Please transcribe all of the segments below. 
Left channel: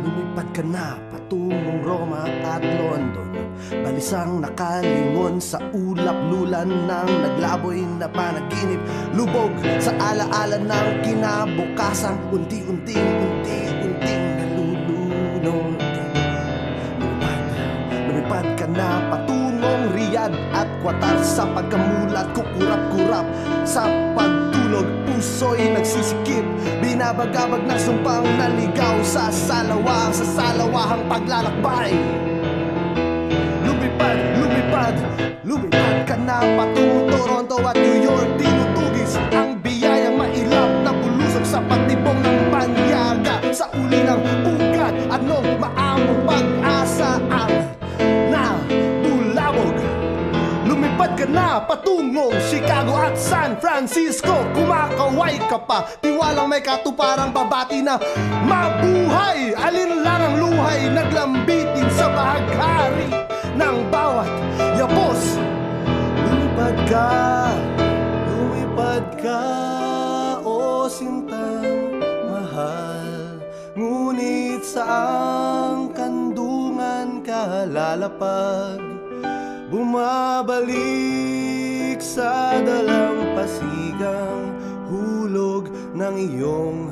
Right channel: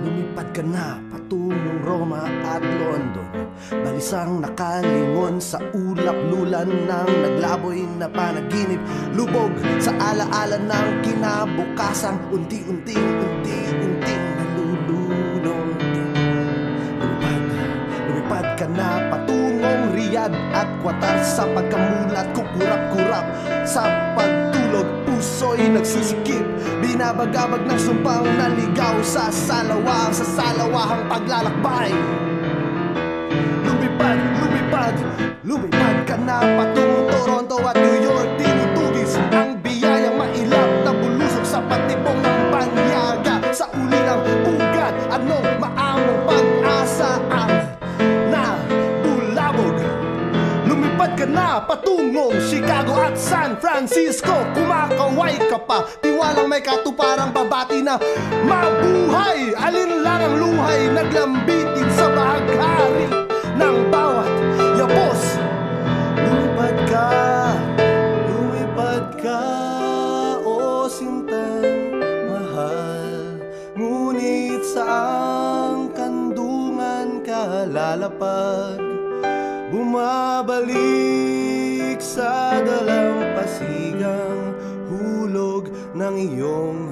Lumipad ka na patungong Roma at London, balisang nakalingon sa ulap-lulan ng naglaboy na panaginip. Lubog sa alaala ng kinabukasang unti-unting nalulunod. Lumipad ka na patungong Riyadh at Qatar, sa pagkamulat kukurap-kurap sa pagtulog. Puso'y nagsisikip, binabagabag ng sumpang naligaw sa salawahang paglalakbay. Lumipad ka na patungong Toronto at New York. Tinutugis ang biyayang mailap na bulusok sa patibong ng banyaga. Sa uli ng ugat, anong maamong pag-asa ang nabulabog. Lumipad ka na patungong Chicago at San Francisco. Kumakaway ka pa, tiwalang may katuparang babati na mabuhay. Alin lang ang luhay, naglambitin sa bahaghari ng bawat yapos. Lumipad ka, o sintang mahal. Ngunit saang kandungan ka lalapag? Bumabalik sa dalampasigang hulog ng iyong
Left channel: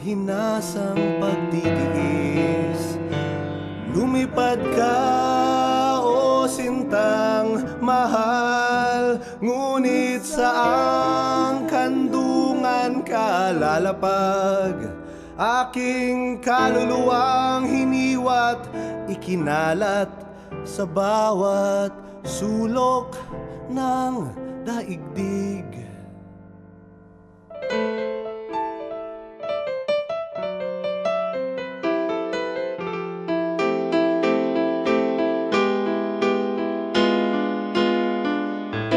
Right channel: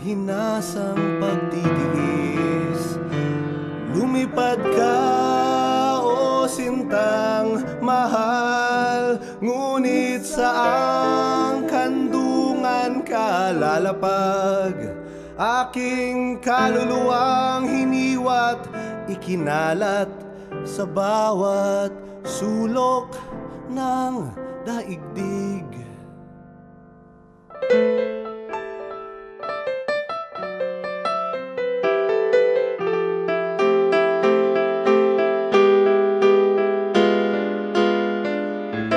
hinasang pagtitiis. Lumipad ka, o sintang mahal. Ngunit saang kandungan ka lalapag? Aking kaluluwang hiniwat, ikinalat sa bawat sulok ng daigdig.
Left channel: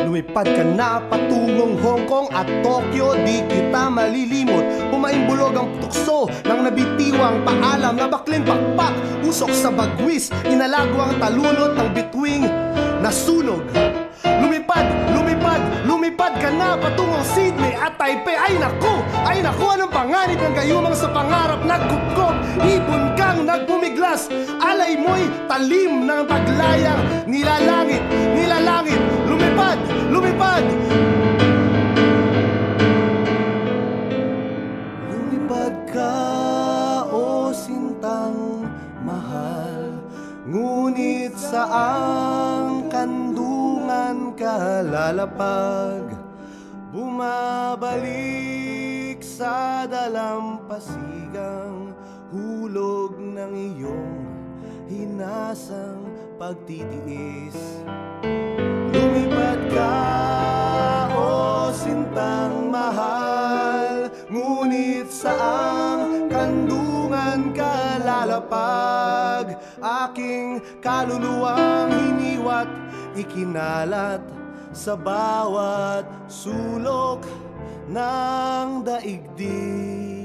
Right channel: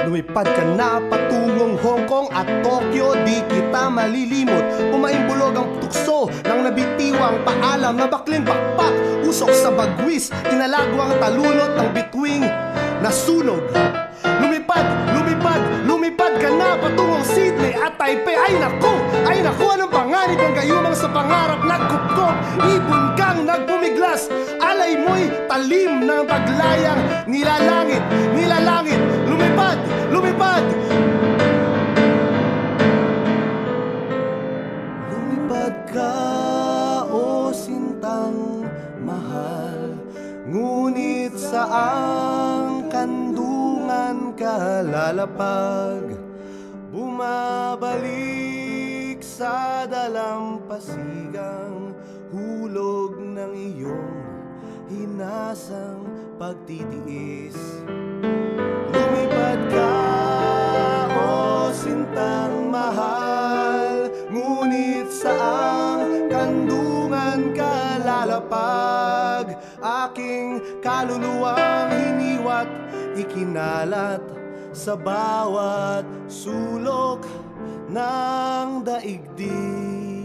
Lumipad ka na patungong Hong Kong at Tokyo, di kita malilimot. Pumaimbulog ang tukso ng nabitiwang paalam na bakling pakpak. Usok sa bagwis, inalagwang talunot ng bituing nasunog. Lumipad ka na patungong Sydney at Taipei. Ay naku, anong panganib ng gayumang sa pangarap nagkupkop. Ibon kang nagpumiglas, alay mo'y talim ng paglayang nilalangit. Lumipad ka, o sintang mahal. Ngunit saang kandungan ka lalapag? Bumabalik sa dalampasigang hulog ng iyong hinasang pagtitiis. Lumipad ka, o sintang mahal. Ngunit saang kandungan ka lalapag? Aking kaluluwang hiniwat, ikinalat sa bawat sulok ng daigdig.